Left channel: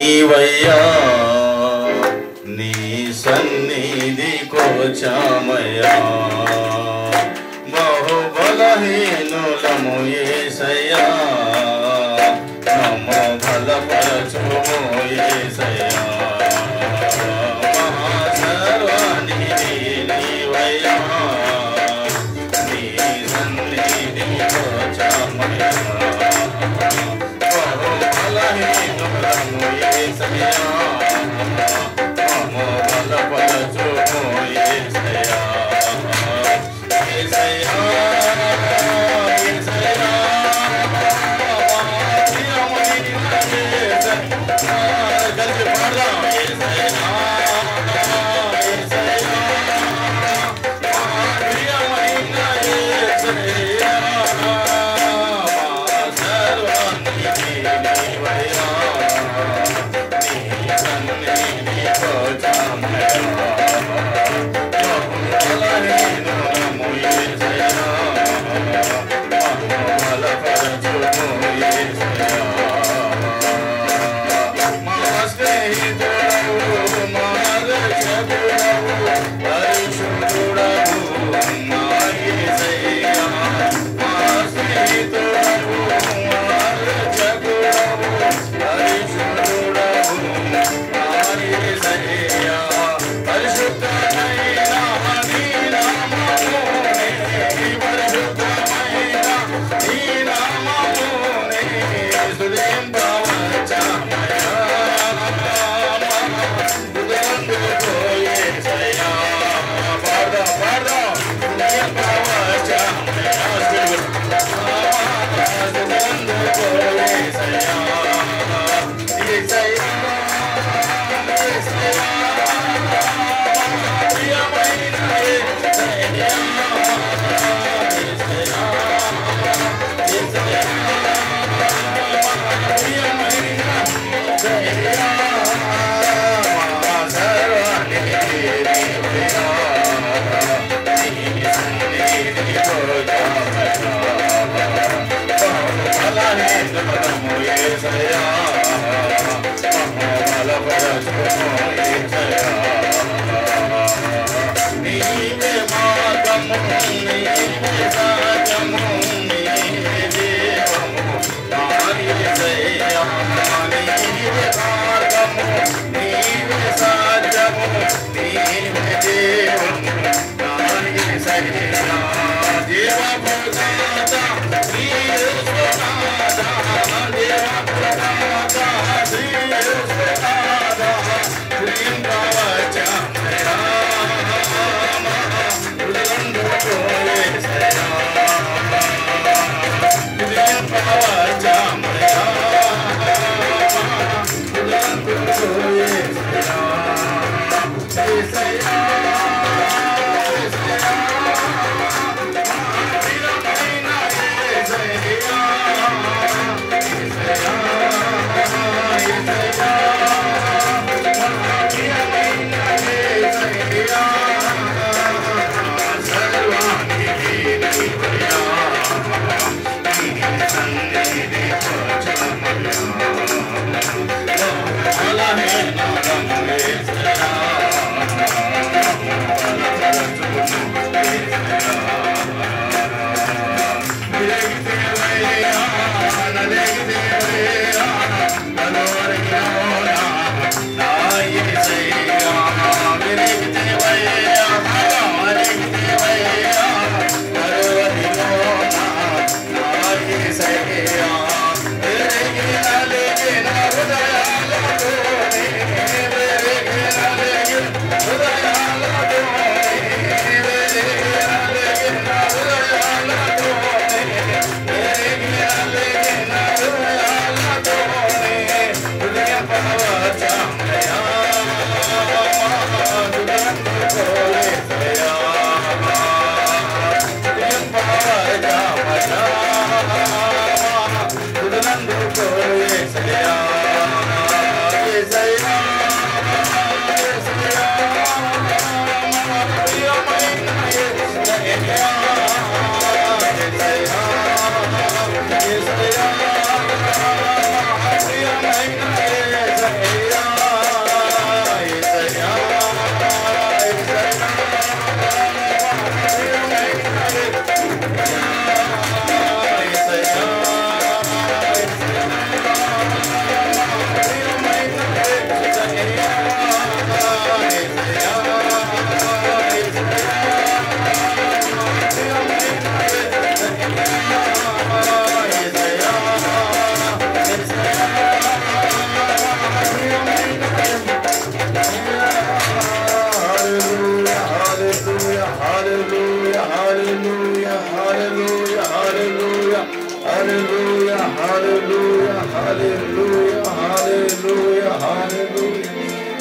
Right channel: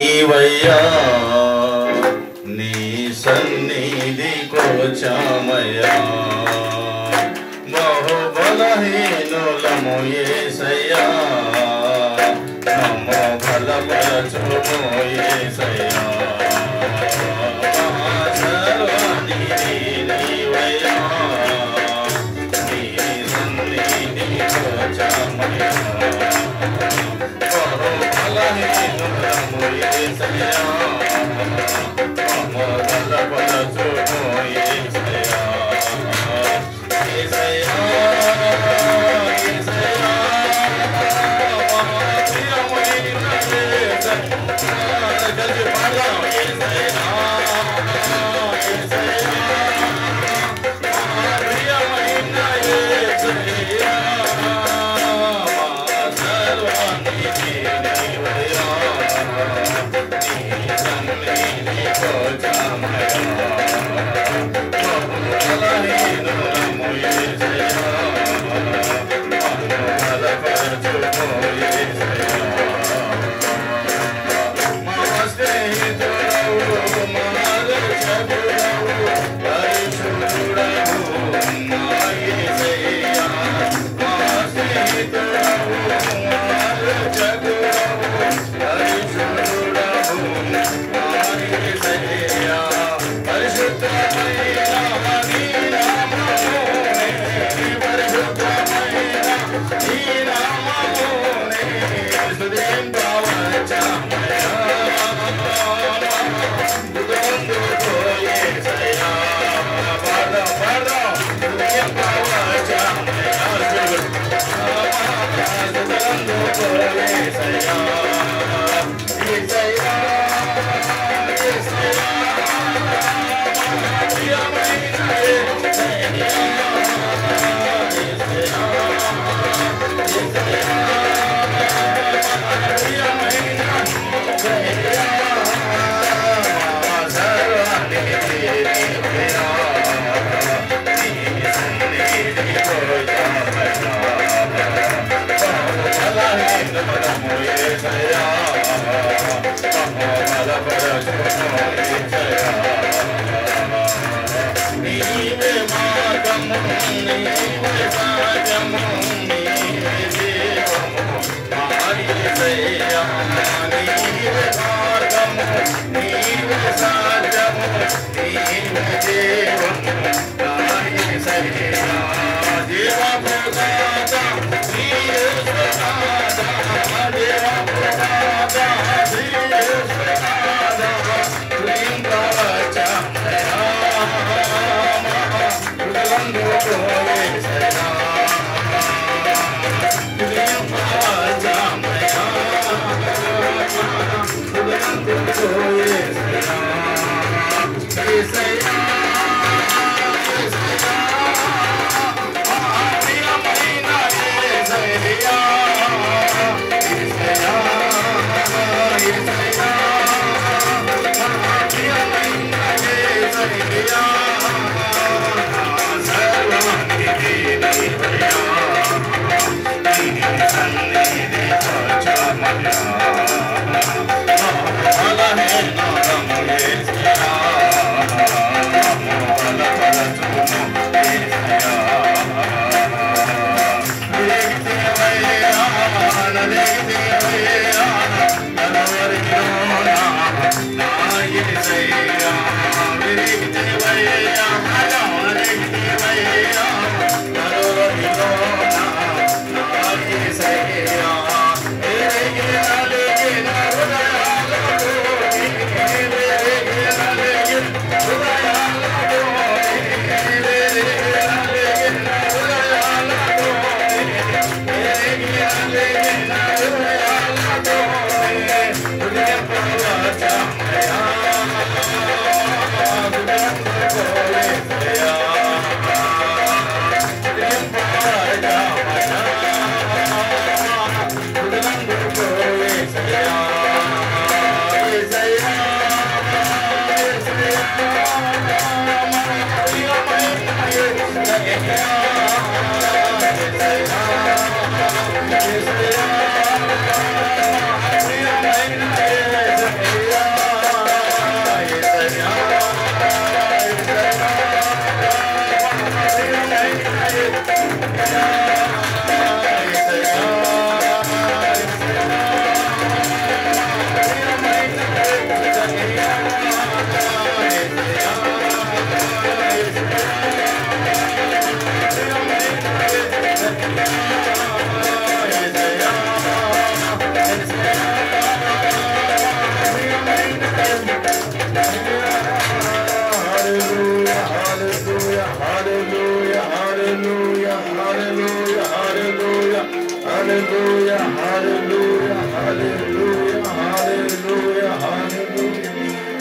నీవయ్యా నీ సన్నిధికి వచ్చామయ్యా, బహు బలహీనులము యేసయ్యా, నమ్ము బలపరచుము యేసయ్యా, మహాసర్వానిధి నీవయ్యా, నీ సన్నిధికి వచ్చామయ్యా, బహు బలహీనులము యేసయ్యా, నమ్ము బలపరచుము యేసయ్యా, యేసయ్యా యేసయ్యా కలిసి పాడదాం. యేసయ్యా యేసయ్యా ప్రియమైన యేసయ్యా, సర్వానిధి నీవయ్యా, నీ సన్నిధికి వచ్చామయ్యా, బలహీనులము యేసయ్యా, నమ్ము బలపరచుము యేసయ్యా, మా స్నేహితుడవు మా రక్షకుడవు పరిశుద్ధుడవు మా యేసయ్యా, మా స్నేహితుడవు మా రక్షకుడవు పరిశుద్ధుడవు మా యేసయ్యా, పరిశుద్ధమైన నీ నామమునే, పరిశుద్ధమైన నీ నామమునే స్తుతింపవచ్చామయ్యా, స్తుతించుకో యేసయ్యా, పాడదాం పాడదాం. స్తుతింపవచ్చామయ్యా, స్తుతించుకో యేసయ్యా, యేసయ్యా యేసయ్యా ప్రియమైన యేసయ్యా, యేసయ్యా యేసయ్యా ప్రియమైన యేసయ్యా, మా సర్వానిధి నీవయ్యా, నీ సన్నిధికి వచ్చామయ్యా, బలహీనులము యేసయ్యా, నమ్ము బలపరచుము యేసయ్యా, నీవే మార్గము నీవే సత్యము నీవే జీవము నా యేసయ్యా, నీవే మార్గము నీవే సత్యము నీవే జీవము నా యేసయ్యా, జీవప్రదాత నీవే స్వనాథ, జీవప్రదాత నీవే స్వనాథ, స్తుతింపవచ్చామయ్యా, స్తుతించుకో యేసయ్యా, స్తుతింపవచ్చామయ్యా, స్తుతించుకో యేసయ్యా, యేసయ్యా యేసయ్యా ప్రియమైన యేసయ్యా, యేసయ్యా యేసయ్యా ప్రియమైన యేసయ్యా, సర్వానిధి నీవయ్యా, నీ సన్నిధికి వచ్చామయ్యా, బలహీనులము యేసయ్యా, నమ్ము బలపరచుము యేసయ్యా,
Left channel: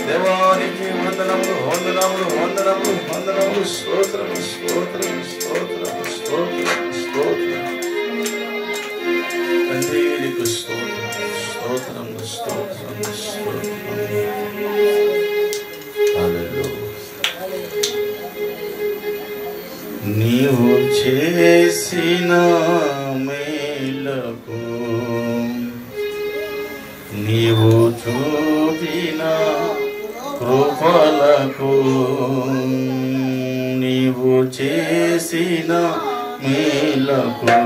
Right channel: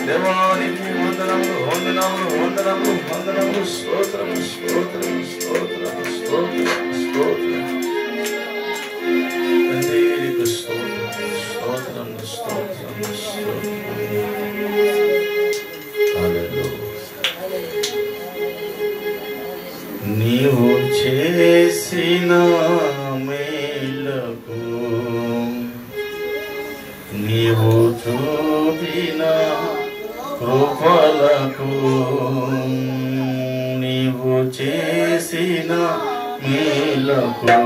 దేవానికి వందనములు వందనములు వందనములు వందనములు స్తోత్రము స్తోత్రము స్తోత్రము స్తోత్రము స్తోత్రము తండ్రికి స్తోత్రము స్తోత్రము స్తోత్రము స్తోత్రము. నీవు చేసిన మేలకు నీవు చూపిన కృపలకు నీవు చేసిన మేలకు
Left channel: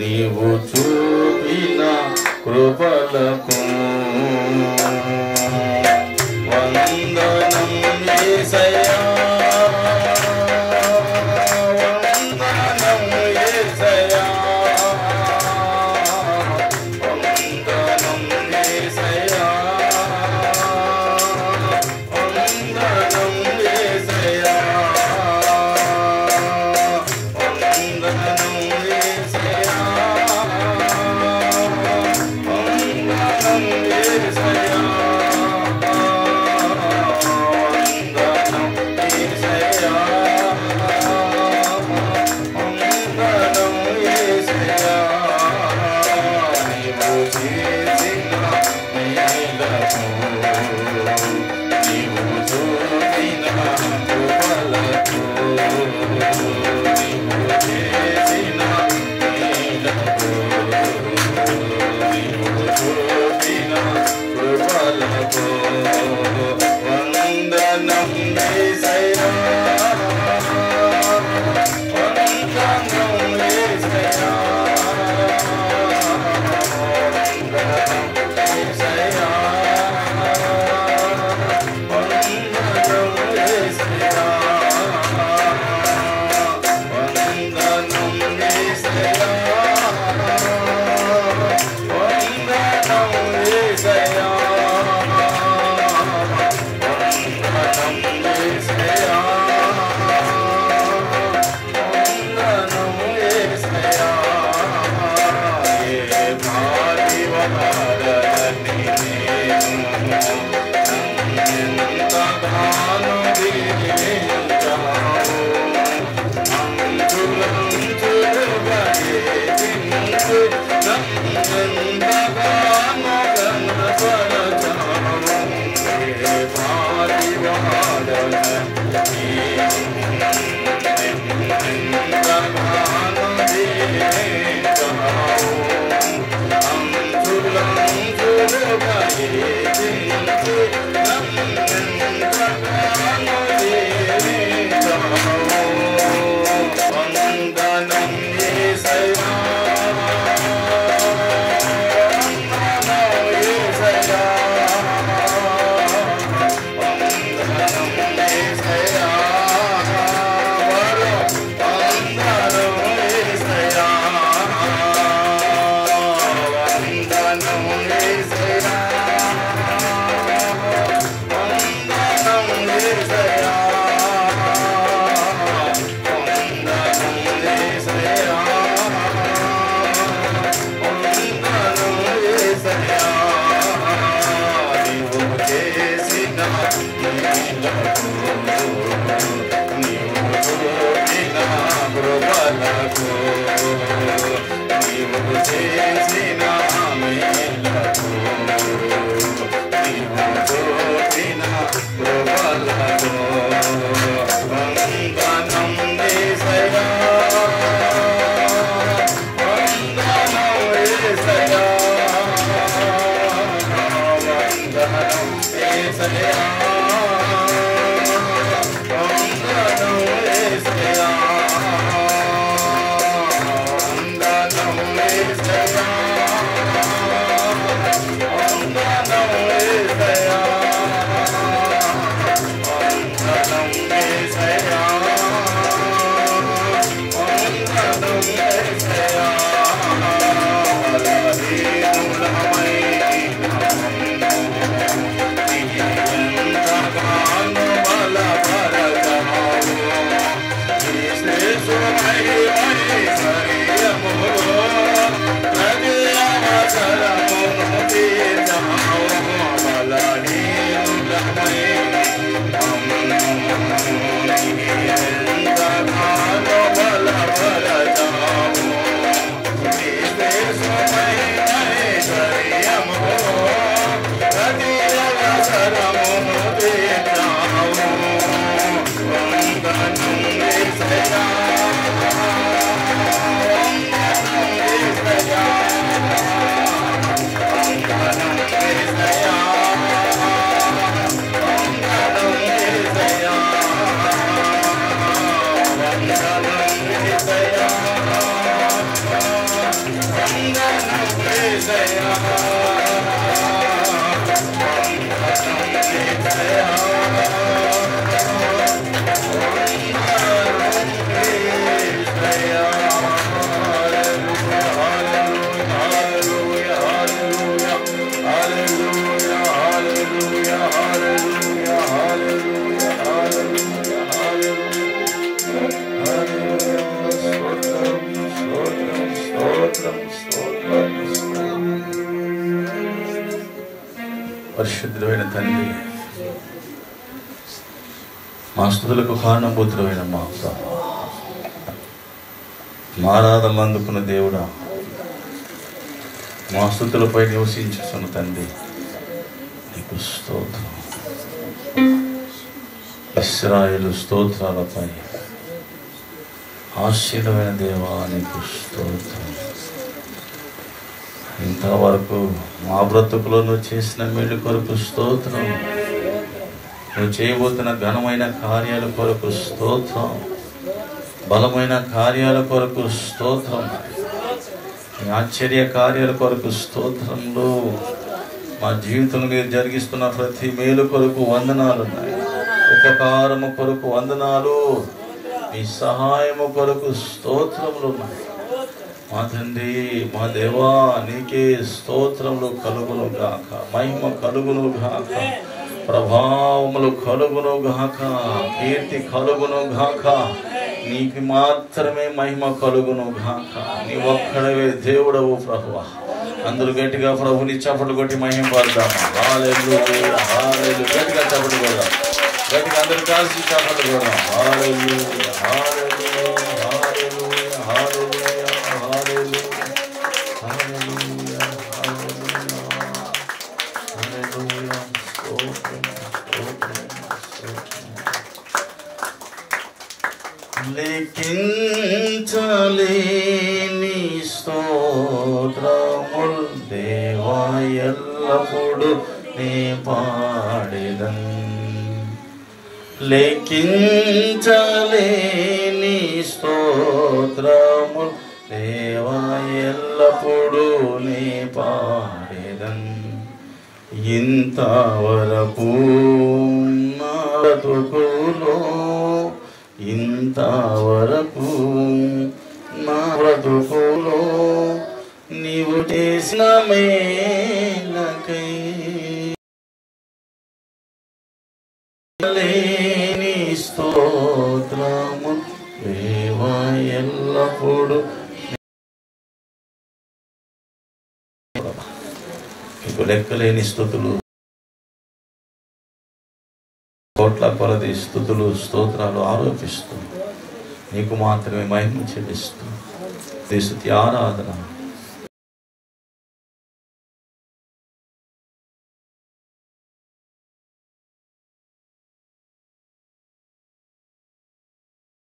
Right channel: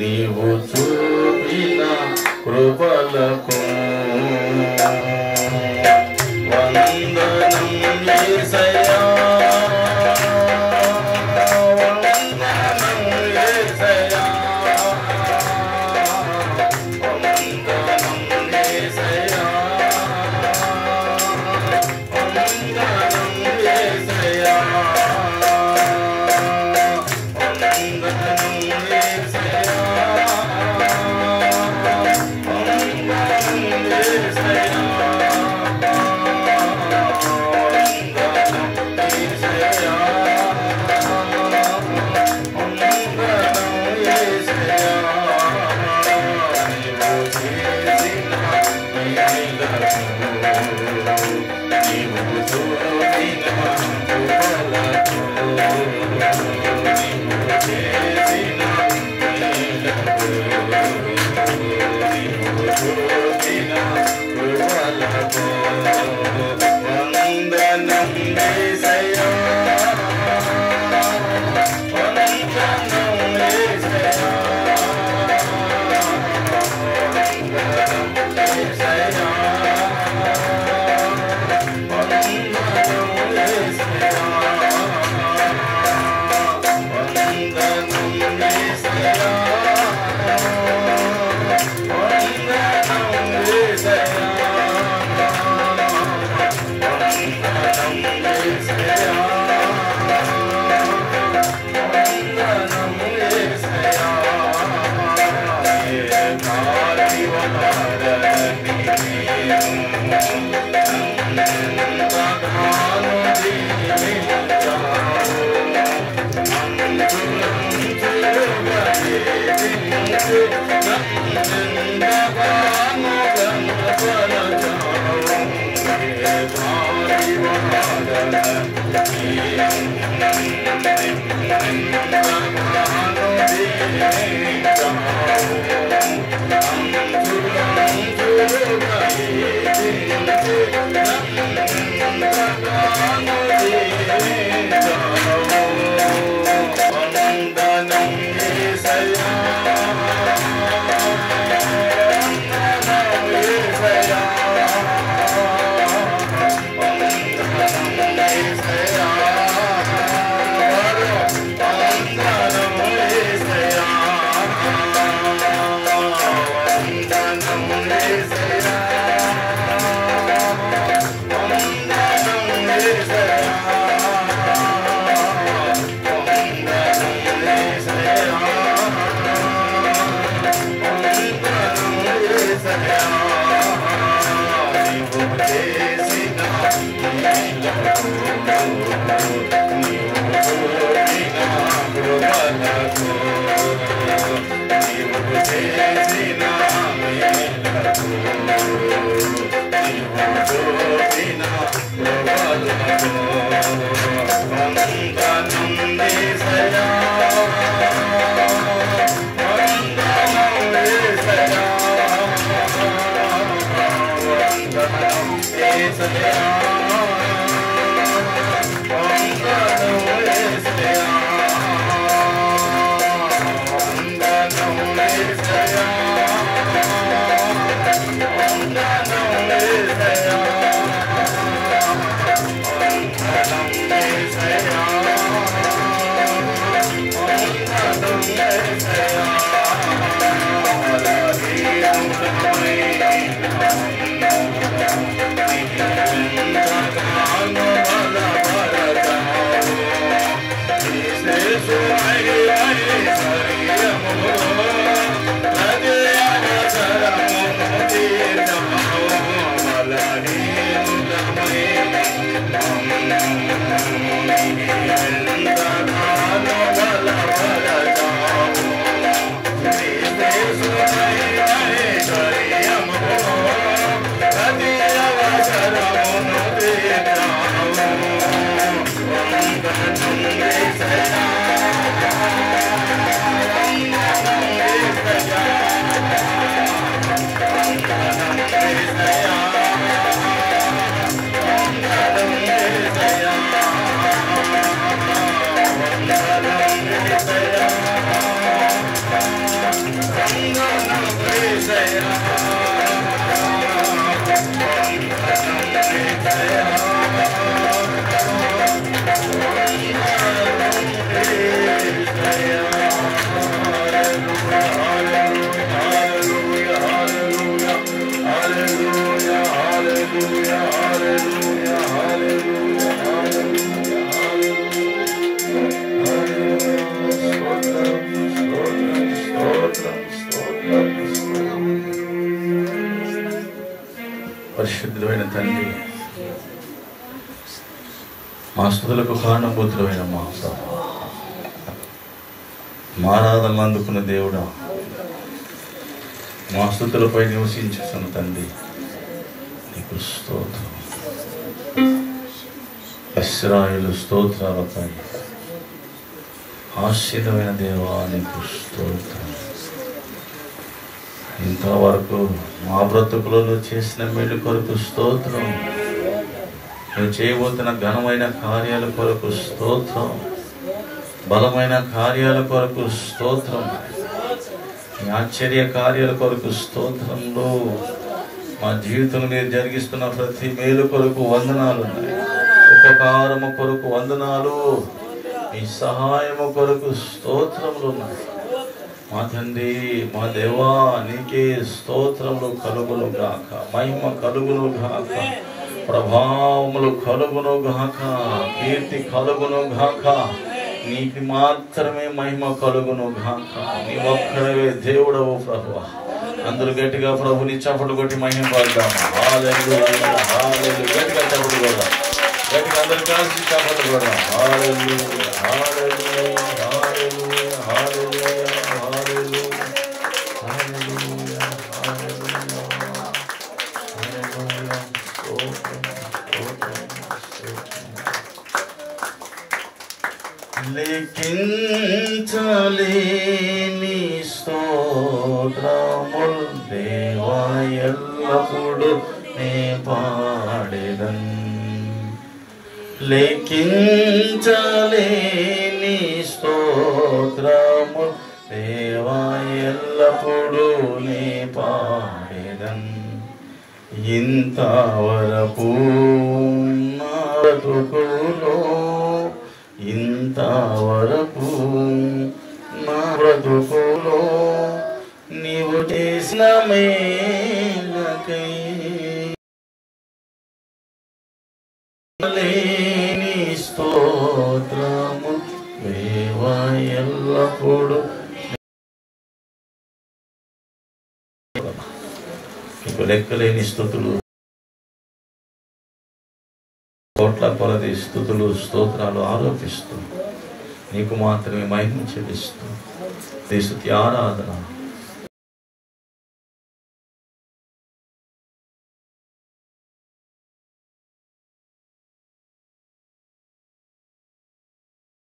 నీవు చూపిన కృపలకు వందనం యేసయ్యా వందనం యేసయ్యా No. పరిశుద్ధుడైన తండ్రి, మా స్తుతులకు కారణభూతుడైన మా ఆరాధనలు అందుకున్న దేవుడా, మా స్తుతులపై నివసించుతున్న తండ్రి నీకు స్తోత్రం. ఇశ్రాయేలు స్తోత్రాలపై ఆశీర్వైన దేవా నీకు స్తోత్రం. ఇంతవరకు మా బ్రతుకులలో చేసిన మేలు కొరకు స్తోత్రం. నువ్వు చేయబోతున్న ఘనమైన కార్యాల కొరకు స్తోత్రం. బలమైన కార్యాల కొరకు స్తోత్రం. ఆశ్చర్య కార్యాల కొరకు స్తోత్రంలో మా జీవితంలో మీరు జరిగిస్తున్న ప్రతి మేలు కొరకు వందనాలు ఉన్నాయి. ఉపకారము కొరకు వందనాలు, మీ సహాయము కొరకు స్తోత్రములు ఉన్నాయి. మా తండ్రి, మా దేవా, నీకే స్తోత్రములు కలుగును గాక, మహిమ కలుగును గాక, ప్రభావములు కలుగును గాక, కీర్తి కలుగును గాక. నీకు మాత్రమే మహిమ కలుగును గాక. నీ ఒక్కడవే దేవుడవు ప్రభువా. అందరూ గట్టిగా ప్రభుని చప్పట్లు కొట్టి మహిమ పడదాము. హల్లెలూయా, హల్లెలూయా. గట్టిగా చప్పట్లు కొడదాం. గట్టిగా అందరూ కలిసి చప్పట్లు కొడదాం. హల్లెలూయా, హల్లెలూయా, హల్లెలూయా, హల్లెలూయా, హల్లెలూయా, హల్లెలూయా, హల్లెలూయా. స్తోత్రం, స్తోత్రం, స్తోత్రం. లెక్కించలేని స్తోత్రములు దేవా, ఎల్లప్పుడు నీ పాడెదన్. లెక్కించలేని స్తోత్రములు దేవా, ఎల్లప్పుడు నీ పాడెదన్. ఇంతవరకు నా బ్రతుకులో, ఇంతవరకు నా బ్రతుకులో నీవు చేసిన మేలకై లేని స్తోత్రము దేవా, ఎల్లప్పుడు. నీకు లెక్కలేని స్తుతులు, కోట్ల కొలది స్తుతులు, స్తోత్రాలు ఆరోపిస్తూ నీకు మాత్రమే మహిమ చెల్లిస్తూ స్తుతి ఆరాధన